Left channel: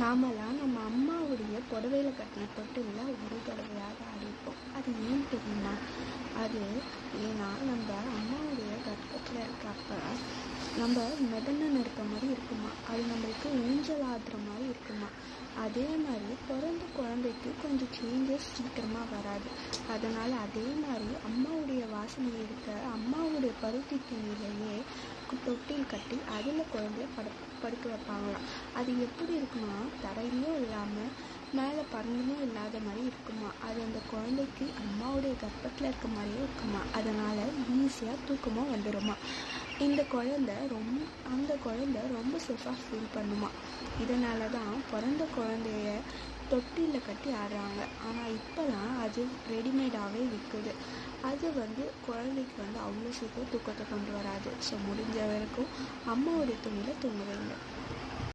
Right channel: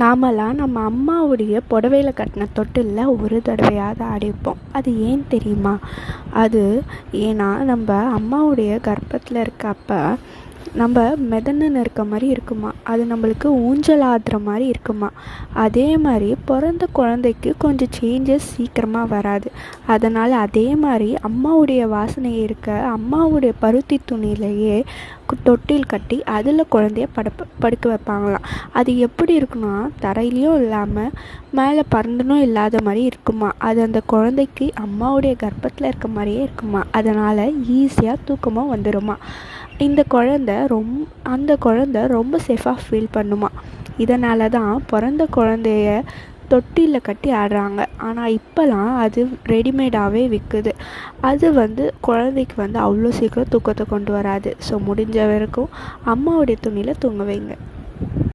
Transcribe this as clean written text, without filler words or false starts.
நாமெல்லாம் நம்ம அம்மாவுடைய புடவையில கட்டின தொட்டில்ல ஒரு தடவையாவது ஆடியிருப்போம். அது ஏன் தெரியுமா? அது ஏன்னா நம்ம அம்மாவுடைய கர்ப்பத்தில் இருக்கப்ப நம்ம மிதந்துன்னு இருக்க மாதிரி இருக்குமா, அது நம்மளுக்கு ஊஞ்சல் ஆடுற மாதிரி இருக்குமா. அதே மாதிரி பிறந்த குழந்தைக்கு கொஞ்சம் சேஞ்சஸ் சீக்கிரமாக வராது. அதனால் அதே மாதிரி அம்மாவுடைய வாசனை இருக்க அம்மாவுடைய பருத்தி துணியிலையே தொட்டில் கட்டி அதில் குழந்தைய படுக்க வைப்பாங்களாம். அது எப்படி இருக்குன்னா, தரையிலையும் இல்லாமல் மேலே பறந்துனும் இல்லாத மாதிரி இருக்குமா. அது அந்த குழந்தைக்கு அம்மாவுடைய கர்ப்பத்தில் இருக்க மாதிரியே இருக்குமா. அதனால் ஈஸியாக தூக்கமாக வந்துடுமா. அந்த குழந்த ரொம்ப சேஃபாக ஃபீல் பண்ணுமா. இதனால தான் பிறந்த குழந்தைய தொட்டிலில் கட்டி ஆடுறாங்க. ஆனால் இப்போலாம் அது ரெடிமேடாகவே விற்குது. அது குழந்தைக்கு அவ்வளோ சீக்கிரம் தூக்கத்தை கொண்டு வராது. ஸோ முடிஞ்ச வரைக்கும் அம்மாவுடைய துணியில் தூங்க வைங்க.